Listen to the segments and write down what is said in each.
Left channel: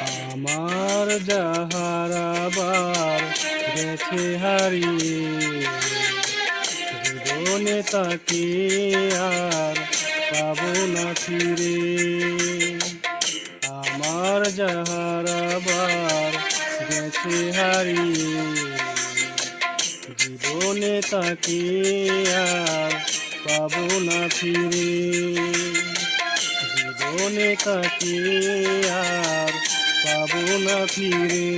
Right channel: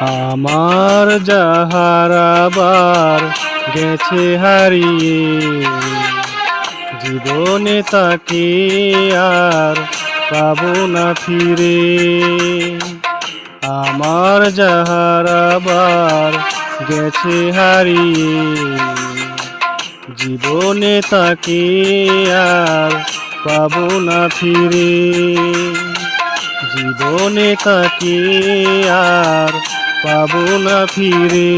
আমার যাহারাবার গেছে হারিয়ে, জীবনে তাকে আর পাবো না ফিরে। আমার যাহারাবার গেছে হারিয়ে, জীবনে তাকে আর পাবো না ফিরে। জীবনে তাকে আর পাবো না ফিরে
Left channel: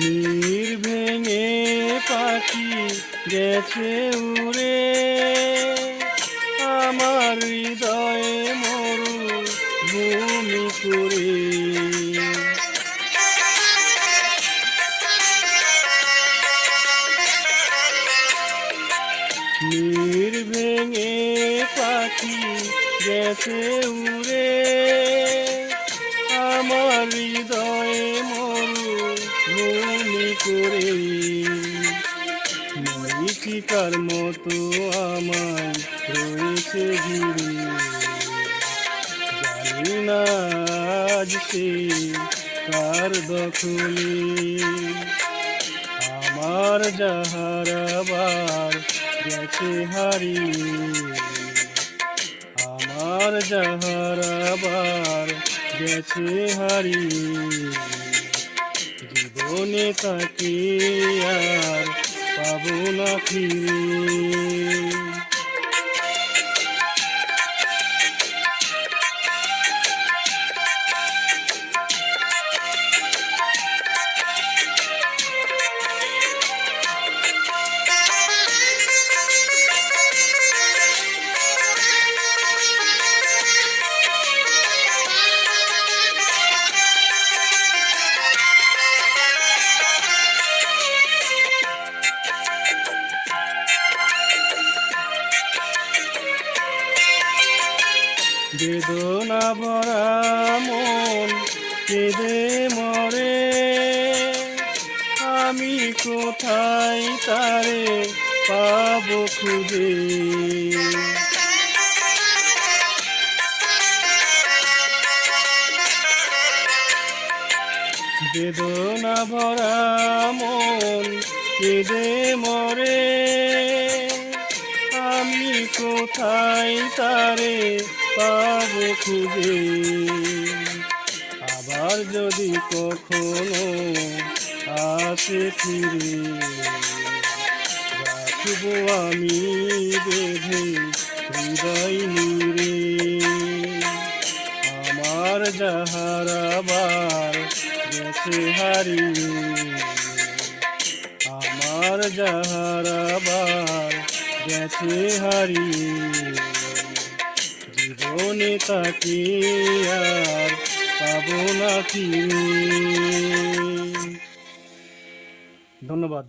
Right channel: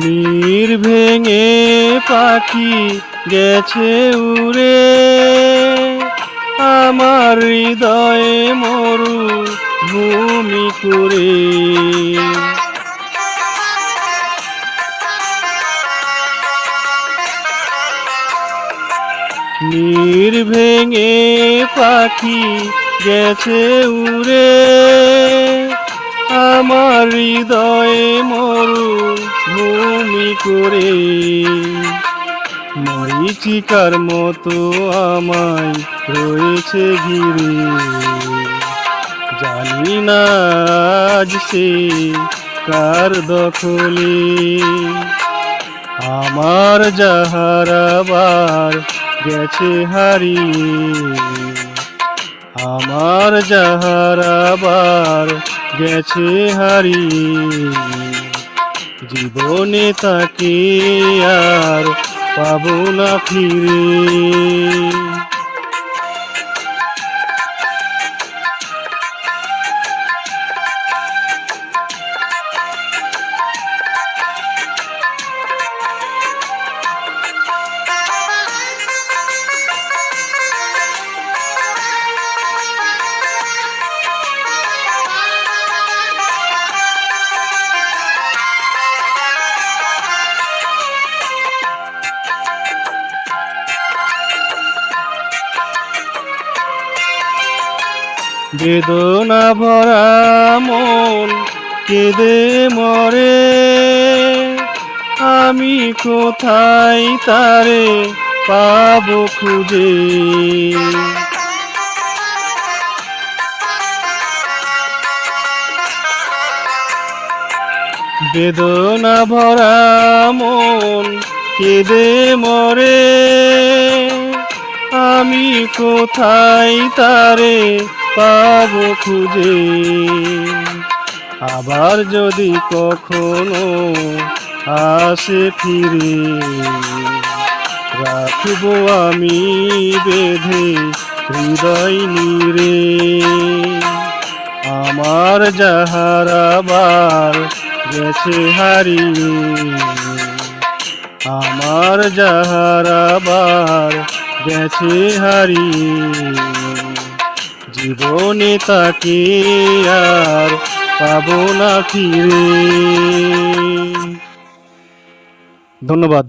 নীর ভেঙে পাখি গেছে উড়ে। আমার হৃদয়ে মরু ভূমি করে নীর ভেঙে পাখি গেছে উড়ে। আমার হৃদয়ে করে। মরিচিকার মতো আমায় রয়েছে ঘিরে। জানি না আজ সে কার দখলে। আমার যাহারাবার গেছে হারিয়ে। আমার যাহারাবার গেছে হারিয়ে। জীবনে তাকে আর পাবো না ফিরে। বেদনা ভরা মন কেঁদে মরে। আমি কোথায় তারে পাব খুঁজে? বেদনা ভরা মন কেঁদে মরে। আমি কোথায় তারে পাবো খুঁজে। আবার যদি কখনো আসে ফিরে, রাখব আমি বেঁধে হৃদয় নিরে। আমার যাহারাবার গেছে হারিয়ে, আমার যাহারাবার গেছে হারিয়ে। জীবনে তাকে আর পাবো না ধন্যবাদ।